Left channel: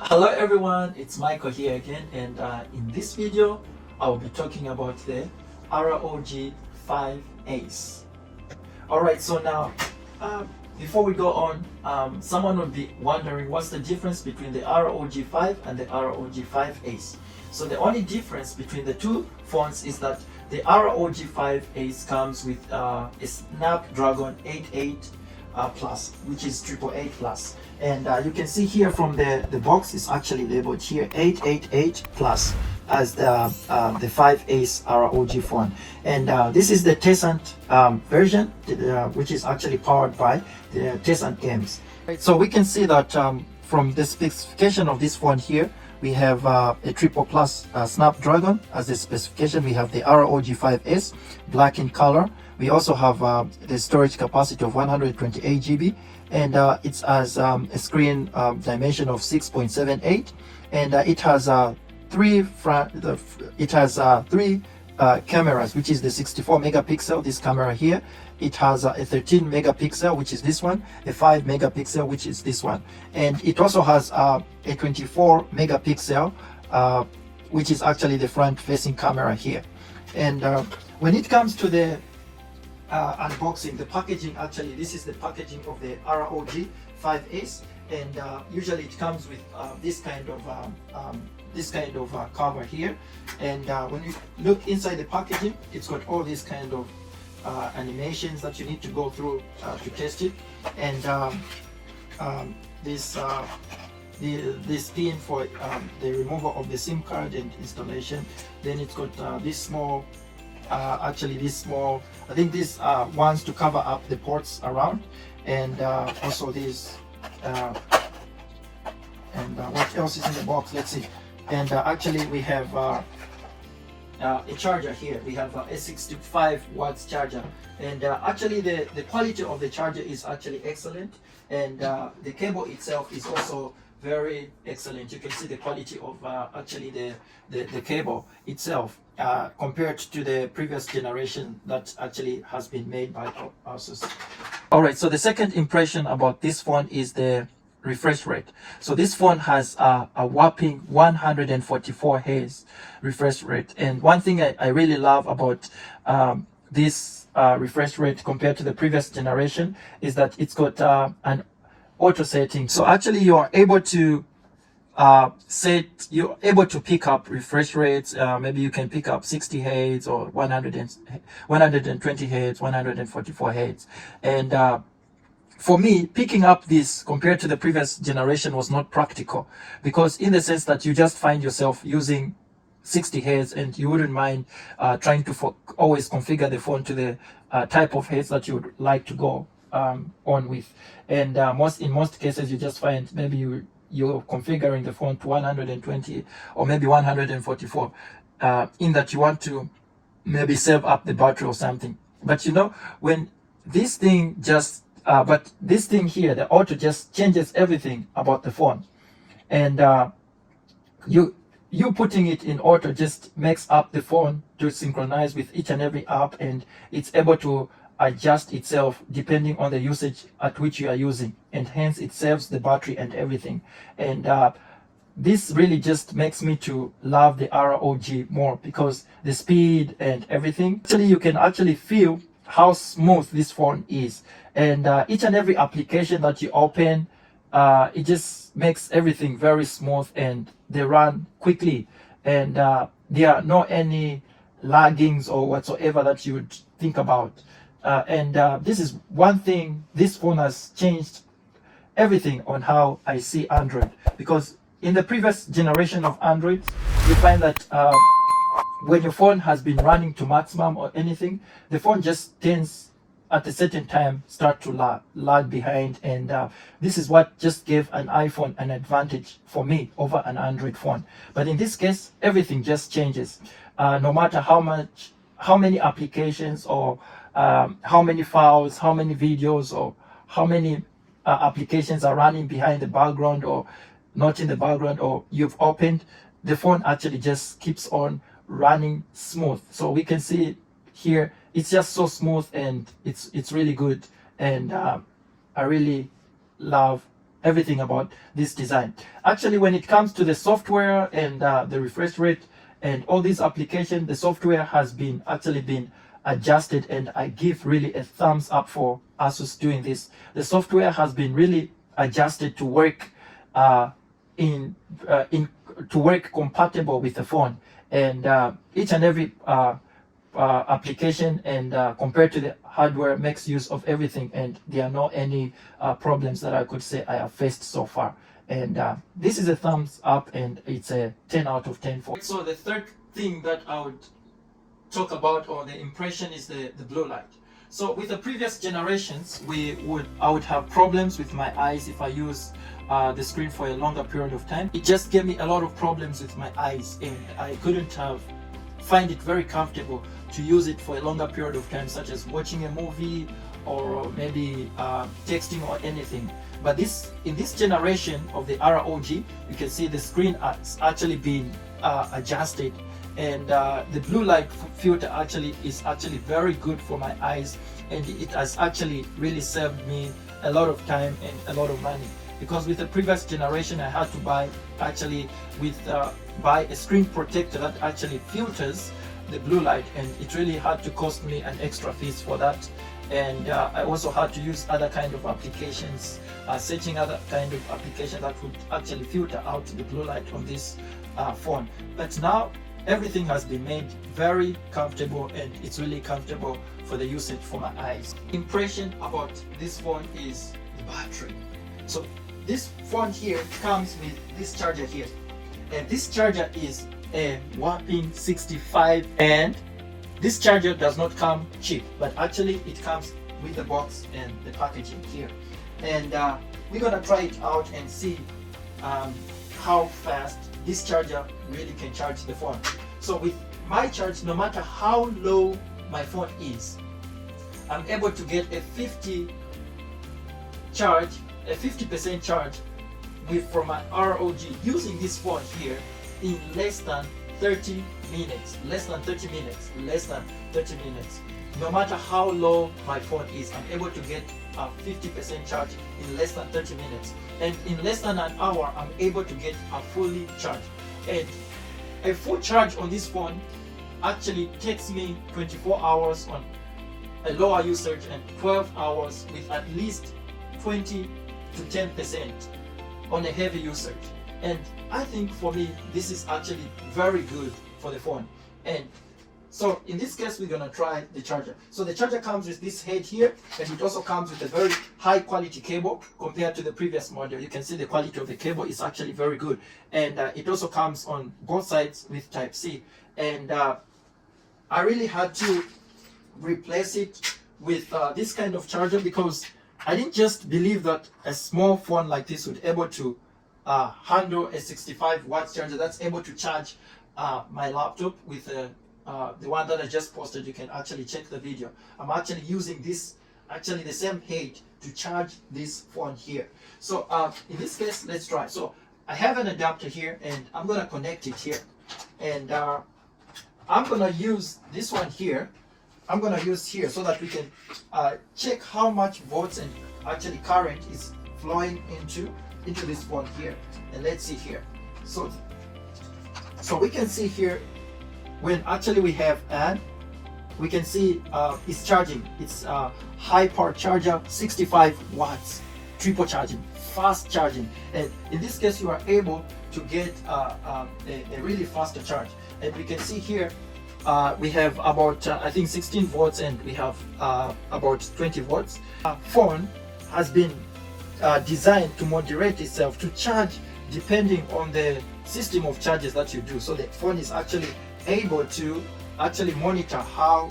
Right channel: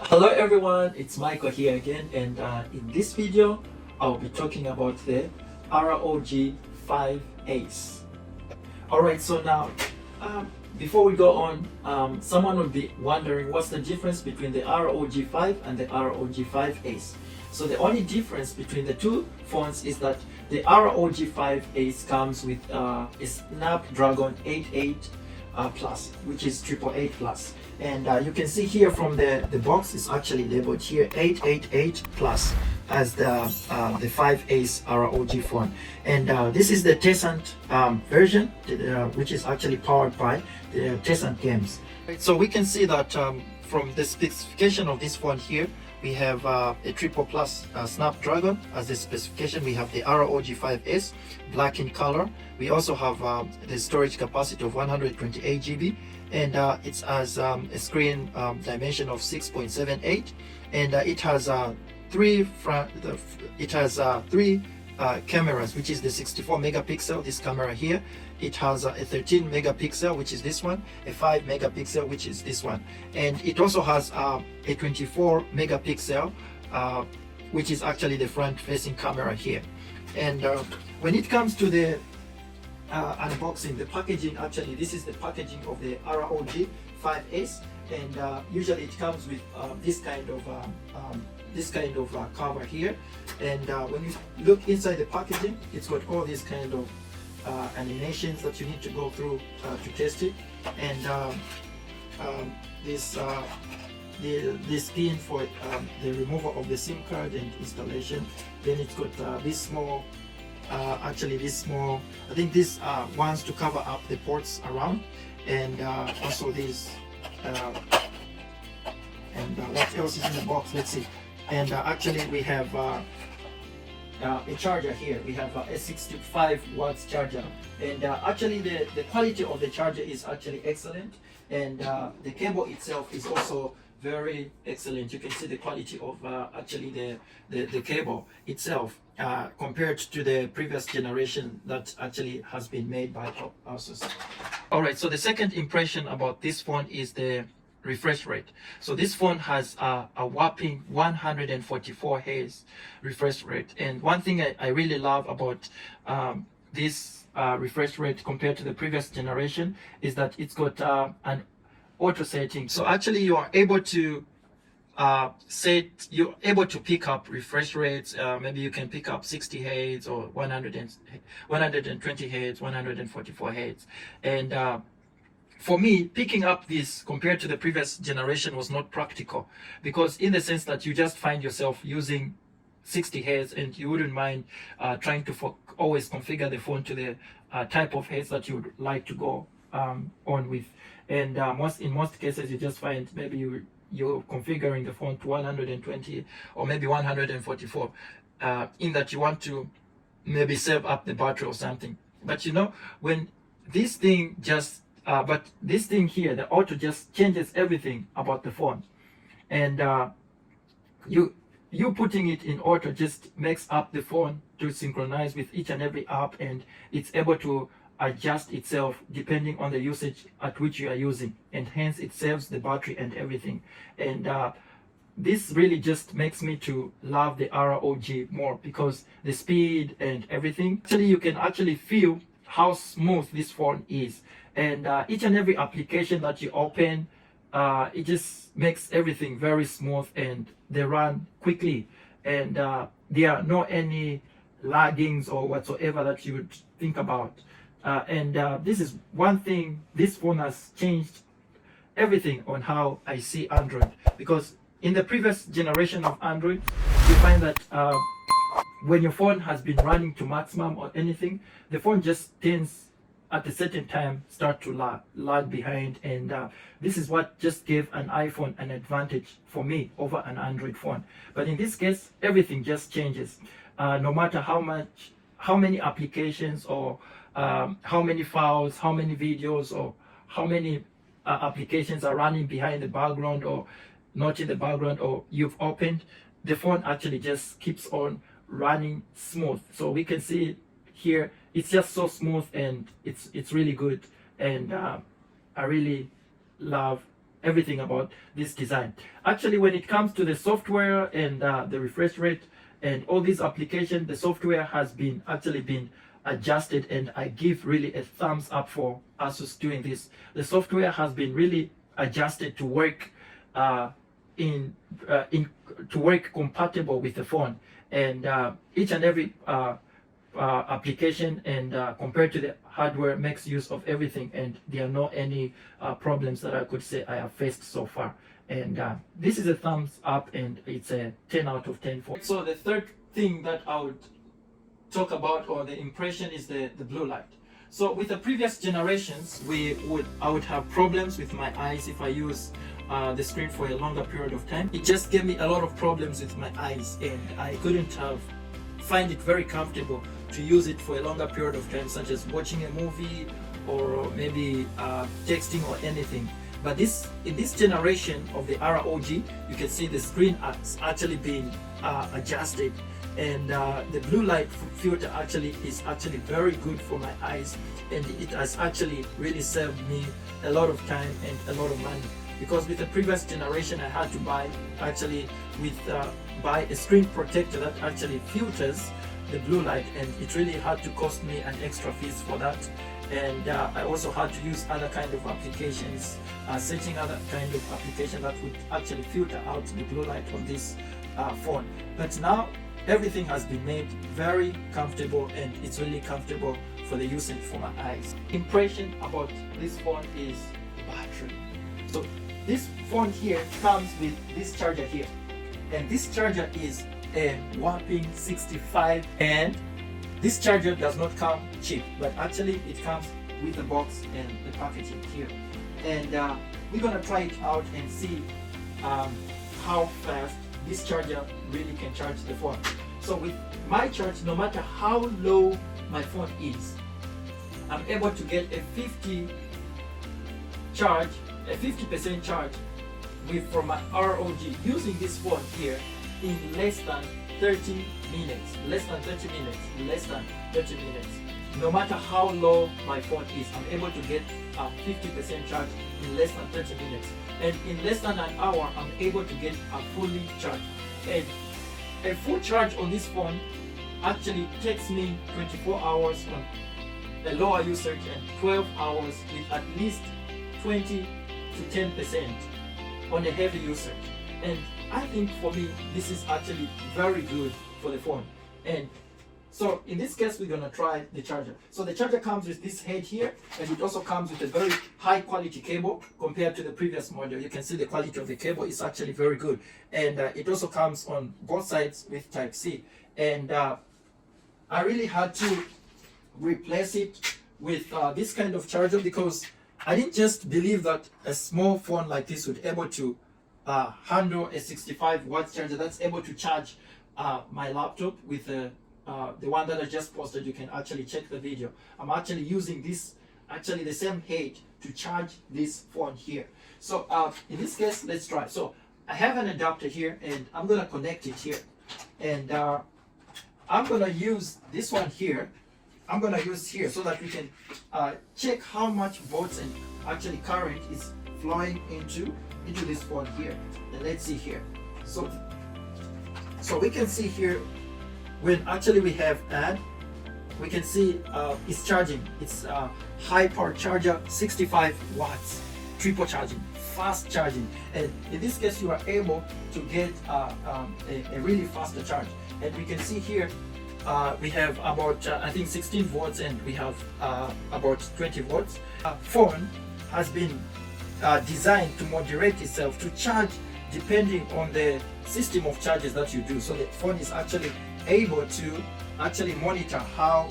Hello everyone, it's Michael here again, and in this video I'll be talking about the ROG 5 Ace. Alright, so now before we go on, someone would be wondering what's the difference between the ROG 5 and the ROG 5 Ace. So the only difference between the two phones is that the ROG 5 Ace comes with a Snapdragon 88 plus, which is 888 plus, and you can see here from the box is actually labeled here 888 plus as the 5 Ace ROG phone, and this is the Tencent version, which is actually powered by the Tencent games. So we can see that from the specification of this phone here, we have a triple plus Snapdragon as the specification. We have the ROG 5S black in color. We also have the storage capacity of 128 GB, and it has a screen dimension of 6.78, and it has three cameras, which is the 64 megapixel, this camera here. It has a 13 megapixel, which is this one, a 5 megapixel, which is this one, and it also has a 24 megapixel, which is actually the front facing camera here. And when it comes to the unboxing, the packaging, actually this is the packaging of the ROG 5 Ace, and usually it comes with this kind of cover here, and when you look inside the packaging, it's got all these kind of animations that you need to go through to test it, and this pin for the removal of the SIM card and installation. Then it's got this small I think this ones to cover up the ports around, and also this what else is in the box, let's see. And actually we have a charger here. We have a 65 watts charger, and actually the quality of the charger is actually excellent, and the cable itself is also very excellent. You can see the quality of actually the cable itself compared to the previous generation that actually has been made by Asus. Alright, so the second impression about this phone is the refresh rate. So this phone has a whopping 144 Hz refresh rate, and one thing I really love about this refresh rate compared to the previous generation is that it's got an auto setting. So actually you're able to pick up refresh rates. Maybe you can pick up 60 Hz or 120 Hz, 144 Hz, and for me, picking up this compared to the previous generation was not practical, because in the sense that you just find yourself using 60 Hz and you wouldn't mind trying to always configure the phone to the type of Hz that you would like to go on with, and in most cases you just find maybe you're configuring the phone to 120 or maybe 144 in that you want to maybe save up the battery or something. But you know, when this thing just but this thing here, the auto, just changes everything about the phone, and you putting it in auto just makes up the phone to synchronize with each and every app, and it's able to adjust itself depending on the usage at which you are using, and hence it saves the battery and everything. And this really just makes me to love the ROG more, because the speed and everything, actually you can actually feel how smooth this phone is, and each and every application that you open, it just makes everything very smooth, and they run quickly, and there are no any laggings or whatsoever that you would think about. And this is one thing, this phone has changed everything on how I see Android, because in the previous generation of Android, you find that when your phone has been running to maximum or anything, the phone just tends at a certain time start to lag behind, and this is what just gave an iPhone an advantage for me over an Android phone. But in this case, everything just changes, no matter how many applications or how many files, how many videos, or how many applications are running behind the background or not in the background, or you've opened, the phone actually just keeps on running smooth. So we can see it here, it's just so smooth, and it's really good, and I really love everything about this design. Actually, when it comes to the software and the refresh rate and all these applications, the software has been actually been adjusted, and I give really a thumbs up for Asus doing this. The software has been really adjusted to work in to work compatible with the phone, and each and every application and compared to the hardware makes use of everything, and there are not any problems that I could say I have faced so far. And this is a thumbs up, and it's a 10 out of 10 for. So the third thing that I would talk about, or the impression, is the blue light. So with the previous generations, I would have problems with my eyes if I use the screen for a longer period of time. It just gave me a lot of problems with my eyes, and I couldn't find it very comfortable to use it for a longer period of time, such as watching a movie or maybe texting or anything. But in this generation of the ROG, you can see the screen has actually been adjusted, and the blue light filter is actually very good for my eyes, and it has actually really saved me a lot of time and a lot of money. Because with the previous generation, I had to buy a screen protector that actually filters the blue light, and it really had to cost me an extra fees for that. And I also had to use other kind of applications, setting other kind of application that would actually filter out the blue light on this phone. But now everything has been made very comfortable, and it's really comfortable for the usage for my eyes. Impression about this phone is the battery. So this phone here comes with this charger here, and this charger is a whopping 65, and this charger does not come cheap, but actually it comes with the box and the packaging here. And we're gonna try it out and see how fast this charger really can charge the phone. So with my charge, no matter how low my phone is, I'm able to get a 50% charge from my ROG using this phone here in less than 30 minutes. No matter how low my phone is, I'm able to get a 50% charge in less than 30 minutes. And in less than an hour, I'm able to get a fully charged. And a full charge on this phone actually takes me 24 hours on a lower usage and 12 hours with at least 20 to 10% on a heavy usage. And I think for me, this is actually very good for the phone. And so in this case, we're gonna try the charger. So the charger comes with this head here, and it also comes with a very high quality cable compared to the previous model. You can see the quality of the cable is actually very good. And it also comes on both sides with Type-C. And I really had to replace it with this kind of charger, because I didn't just believe that a small phone like this would able to handle a 65 watt charger that's able to charge my laptop with the one that I just posted. You can actually check the video. I'm actually using this, actually the same head, to charge this phone here. So in this case, let's try. So I have an adapter here, and I'm gonna connect it here, and I'm gonna use this one here. I'm gonna use here so that we can check how much volts and actually current is flowing into this phone here. And let's see here. So we can see here, when actually we have add, we can see it's charging. It's high power charger, 65 watts, triple charging, fast charging. And in this case, you are able to get a really faster charge. And we can see here, we have about I think 16 volts, and we have about 20 volts. Phone has been designed to moderate itself to charge depending on the system of charges that you do. So the phone is actually able to actually monitor how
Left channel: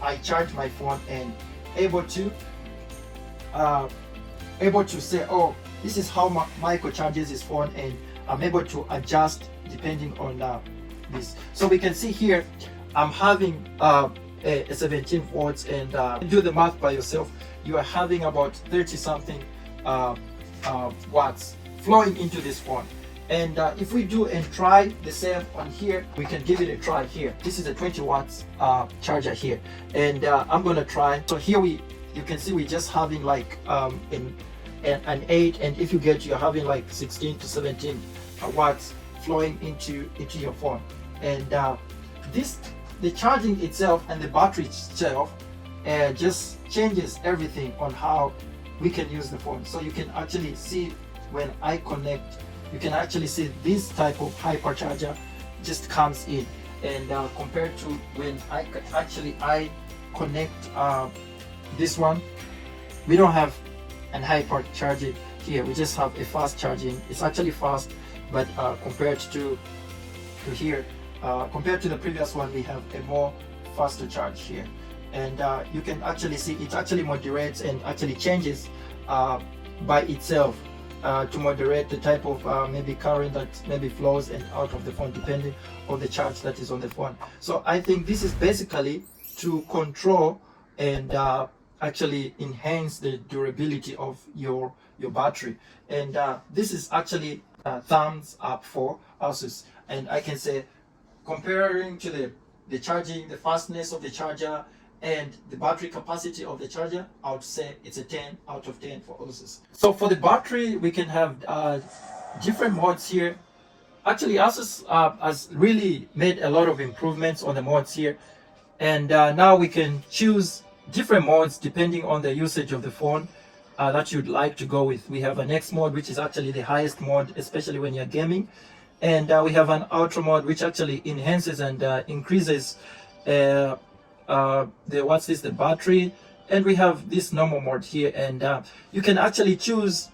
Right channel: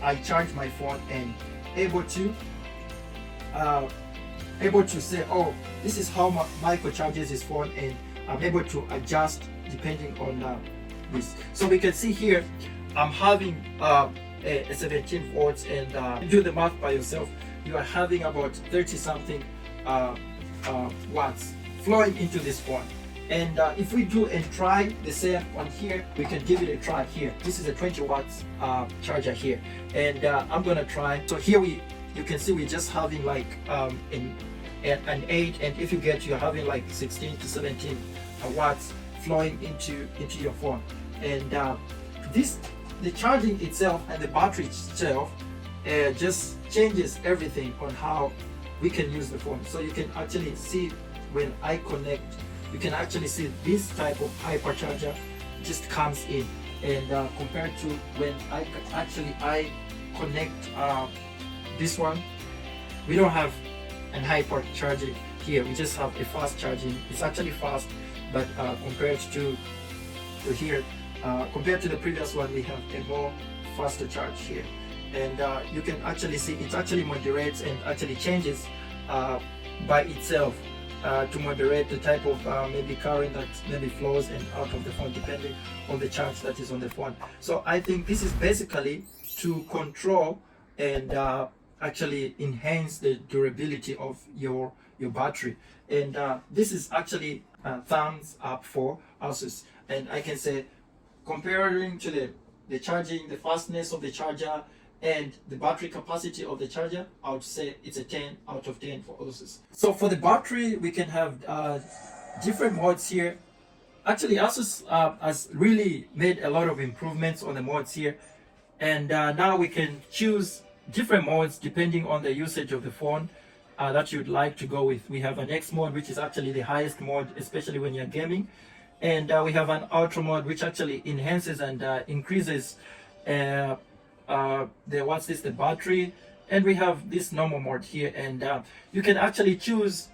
I charge my phone, and able to say, oh, this is how Michael charges his phone, and I'm able to adjust depending on this. So we can see here, I'm having a 17 volts, and do the math by yourself. You are having about 30 something watts flowing into this phone. And if we do and try the same on here, we can give it a try here. This is a 20 watts charger here, and I'm gonna try. So here you can see we're just having like an 8, and if you get, you're having like 16 to 17 watts flowing into your phone. And the charging itself and the battery itself just changes everything on how we can use the phone. So you can actually see when I connect, you can actually see this type of hypercharger just comes in, and compared to when I connect this one, we don't have an hypercharging here. We just have a fast charging. It's actually fast, but compared to here, compared to the previous one, we have a more faster charge here. And you can actually see it actually moderates and actually changes by itself to moderate the type of maybe current that maybe flows in out of the phone depending on the charge that is on the phone. So I think this is basically to control and actually enhance the durability of your battery. And this is actually thumbs up for Asus. And I can say, comparing to the charging, the fastness of the charger and the battery capacity of the charger, I would say it's a 10 out of 10 for Asus. So for the battery, we can have different modes here. Actually, Asus has really made a lot of improvements on the modes here. And now we can choose different modes depending on the usage of the phone that you'd like to go with. We have an X mode, which is actually the highest mode, especially when you're gaming. And we have an ultra mode, which actually enhances and increases the battery. And we have this normal mode here, and you can actually choose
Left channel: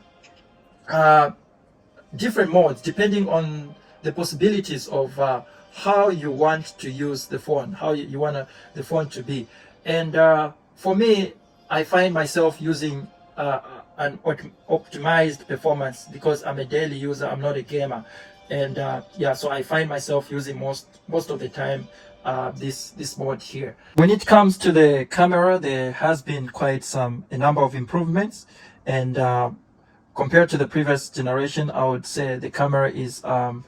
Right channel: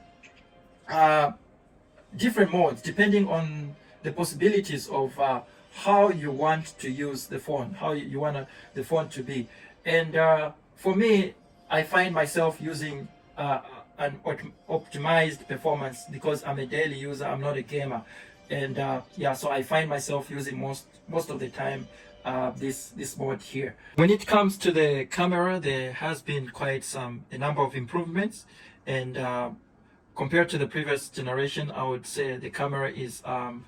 different modes depending on the possibilities of how you want to use the phone, how you want the phone to be. And for me, I find myself using an optimized performance because I'm a daily user, I'm not a gamer. And yeah, so I find myself using most of the time this mode here. When it comes to the camera, there has been quite a number of improvements, and compared to the previous generation, I would say the camera is an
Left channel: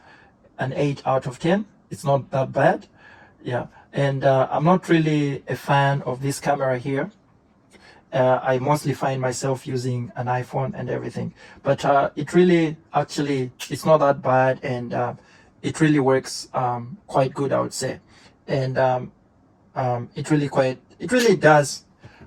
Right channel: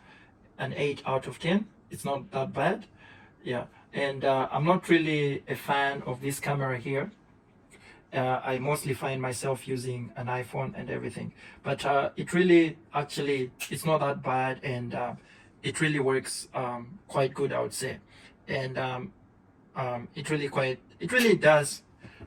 8 out of 10. It's not that bad, yeah. And I'm not really a fan of this camera here. I mostly find myself using an iPhone and everything, but it really actually, it's not that bad, and it really works quite good, I would say. And it really does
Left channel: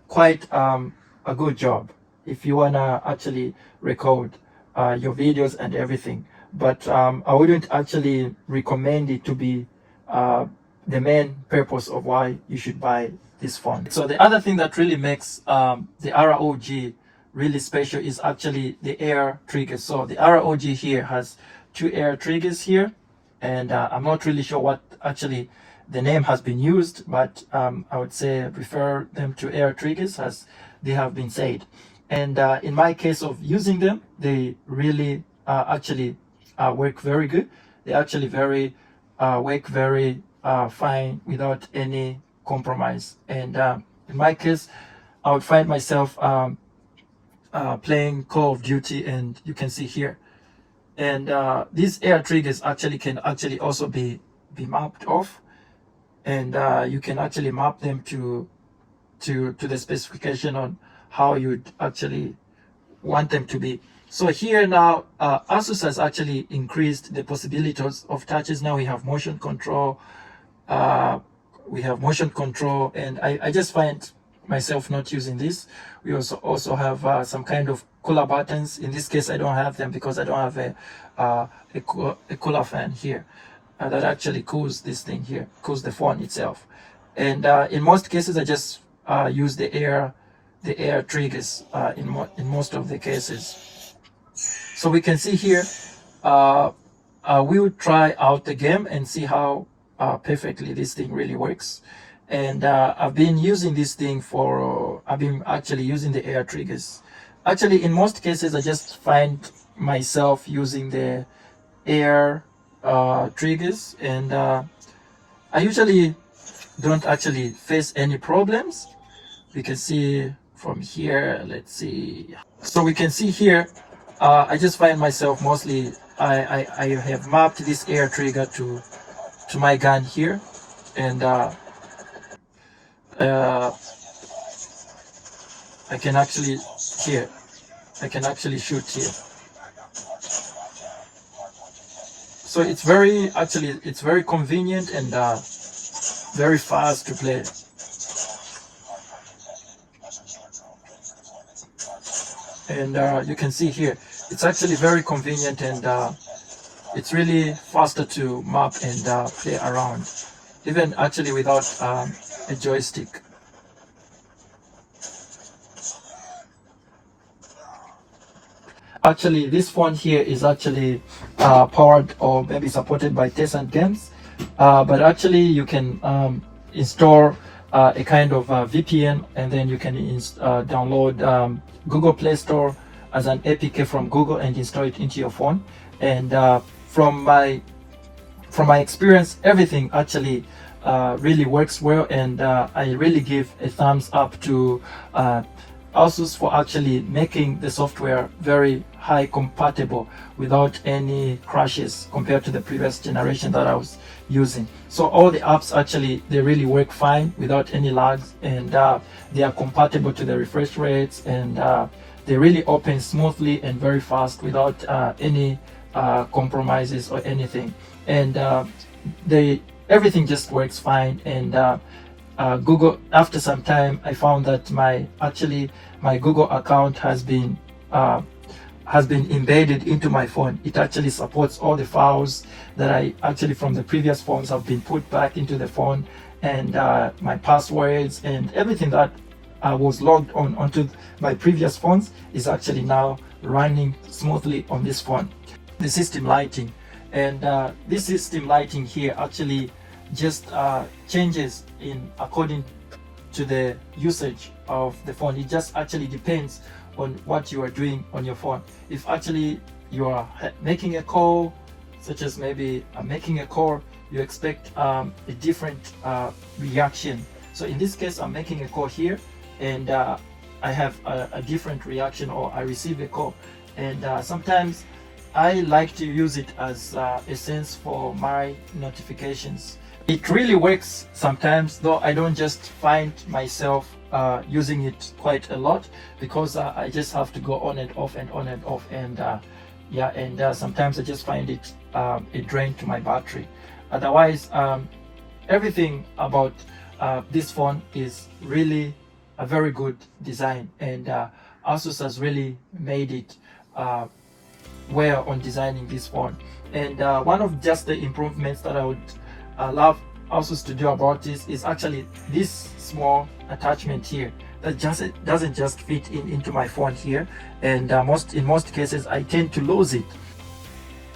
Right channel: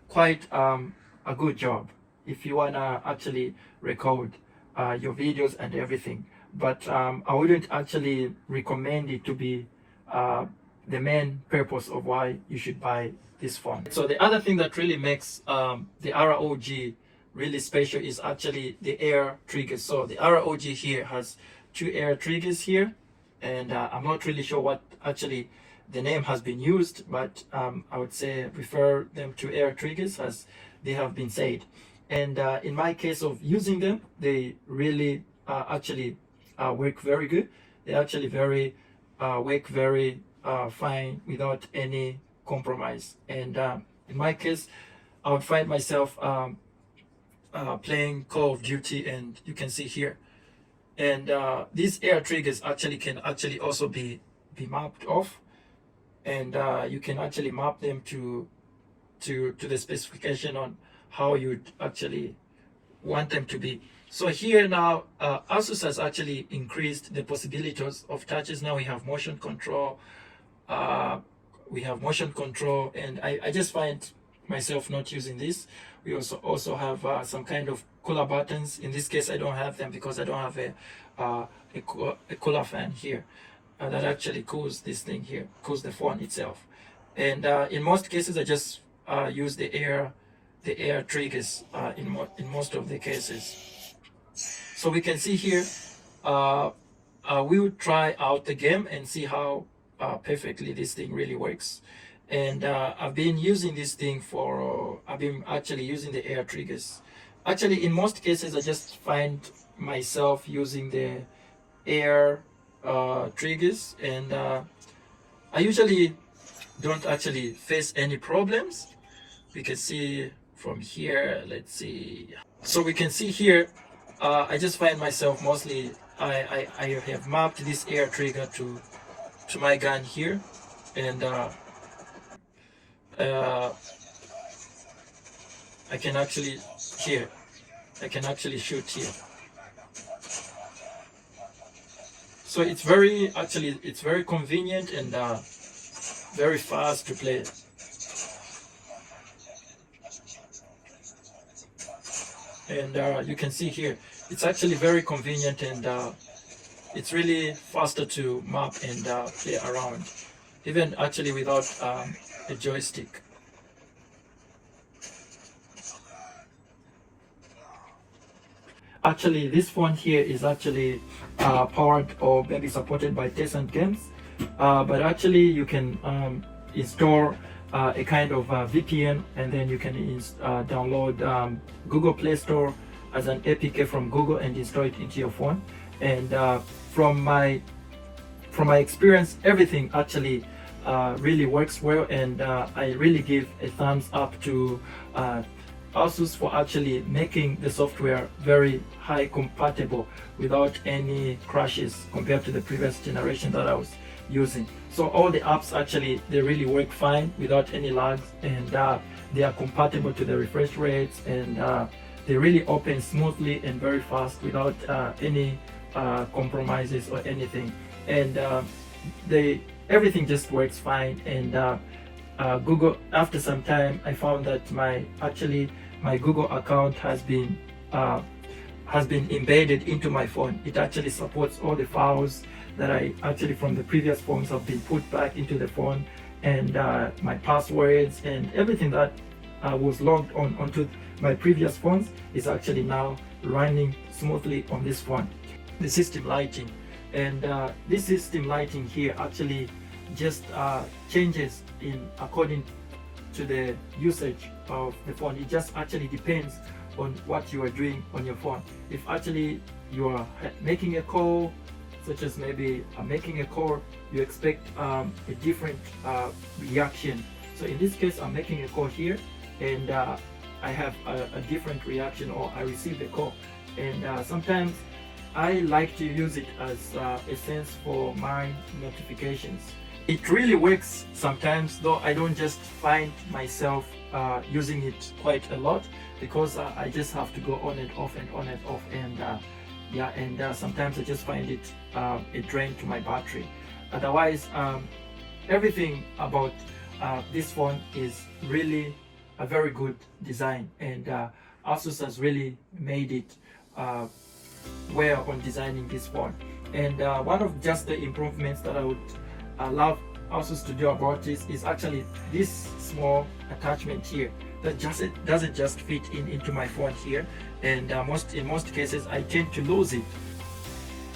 quite a good job if you wanna actually record your videos and everything. But I wouldn't actually recommend it to be the main purpose of why you should buy this phone. So the other thing that really makes the ROG really special is actually the air triggers. So the ROG here has 2 air triggers here, and I'm not really sure what actually the name has been used, but I would say refer them to air triggers as they have been said. And in my case of using them, they really actually work very good. They actually work very fine without any compromise. And in my case, I would find myself playing Call of Duty, and you can see here. And these air triggers can also be mapped off, and you can actually map them to the specification on how you'd actually want them to be. So here now, Asus has actually increased the possibilities of touches. Now we have motion control. And I just find myself not using this. We also have some kind of cooler buttons. In this case, I don't have them because I don't have a cooler fan here that actually cools this thing here, cools the phone itself. And in most cases, I just use the air triggers in most of the cases. So we can see here, we will try out the game and see how perfectly this thing really works. And I've been using this thing I've been actually using the air triggers. Actually, in most cases, I just find myself using the air triggers, and I usually don't actually face any problems. We can see from here, let's see. So we can see here, I just find myself mostly, I have mapped this air trigger to my gun here, and I can actually here I can actually shoot here. So it's very, actually, it's very convenient and very fast to play. And you can see here, it's actually very convenient, and it's really faster to map and play around, even actually without a joystick. Actually, this phone here is actually powered or maybe supported by Tencent games, but actually you can install a kind of VPN, and then you can download Google Play Store as an APK from Google and install it into your phone. And from my experience, everything actually really works well, and I really give a thumbs up to Asus for actually making the software very high compatible without any crashes compared to the previous generation that I was using. So all the apps actually, they really work fine without any lags, and they are compatible to the refresh rates, and they really open smoothly and very fast without any compromises or anything. And everything just works fine. And Google, after some time, I found that my Google account has been embedded into my phone. It actually supports all the files that I actually from the previous phones have been put back into the phone, and my passwords and everything that was logged onto my previous phones is actually now running smoothly on this phone. The system lighting, and this system lighting here actually just changes according to the usage of the phone. It just actually depends on what you are doing on your phone. If actually you are making a call, such as maybe making a call, you expect a different reaction. So in this case, I'm making a call here, and I have a different reaction, or I receive a call. And sometimes I like to use it as a sense for my notifications. It really works sometimes, though I don't just find myself using it quite a lot, because I just have to go on and off and on and off, and sometimes I just find it a drain to my battery. Otherwise, everything about this phone is really a very good design, and Asus has really made it well on designing this phone. And one of just the improvements that I would love Asus to do about this is actually this small attachment here that doesn't just fit into my phone here, and in most cases I tend to lose it.